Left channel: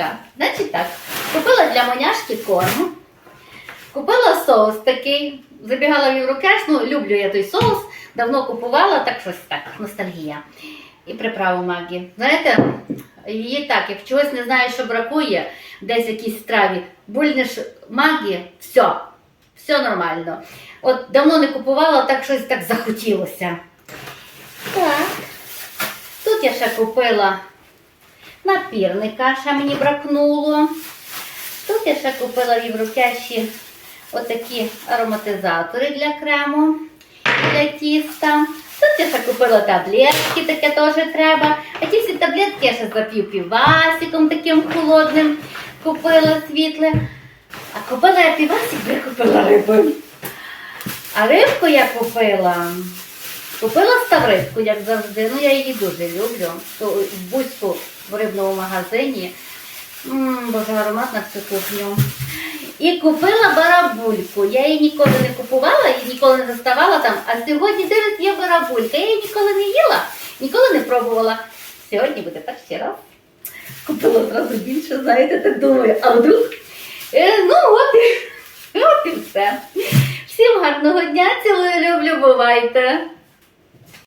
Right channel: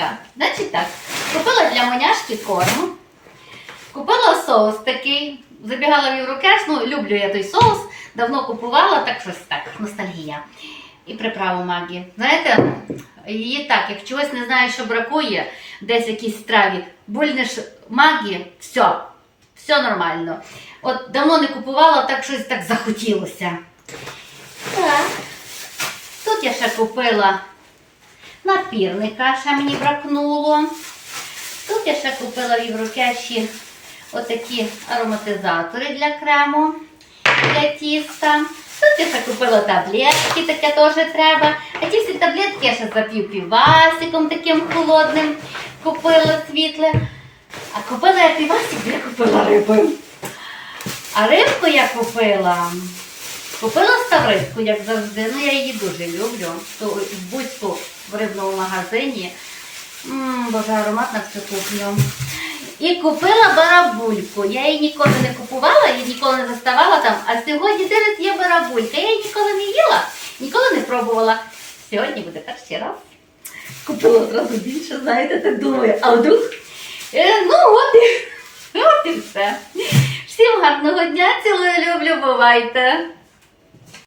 коротше. Значить так, купила для моняшки корм, купила соус такий, забігала в Єврокеш, ну люблю я той соус, давно купувала, так щось так, ностальгія. І приправу Магі. Знаєте, її так, як чогось не знаю, що бракує, десь в якійсь страві, бульнеш Магі, все, все нормально. От давно не купувала, так щось так захотілося. Так. Тут я ще купила напірника, ще мені бракнуло. Тут я ще купила в Єврокеші отакі ароматизатори для крему, для тіста. Тут я ще купила таблетки, таке теж треба. А ті всі таблетки я ще запів півасиком таким холодним купила світле. А купила я півасик, я купила риби. А рибку я купила. Купила ставридку, як завжди. Ну я її дуже люблю. То в Буцьку в рибному магазині. М, Боже, аромат на всю кухню. І купила барабульку. Я її ніколи не купувала, її ніколи не заставала там. А сьогодні дивись, є барабулька. Я її ніколи не їла, ніколи не пробувала. Сьогодні буде перший раз. Купила одразу більше, знаєте, так думаю. А вдруг? Е, ну, от і, от і все. Всім гарного дня, цілую, люблю, бувайте.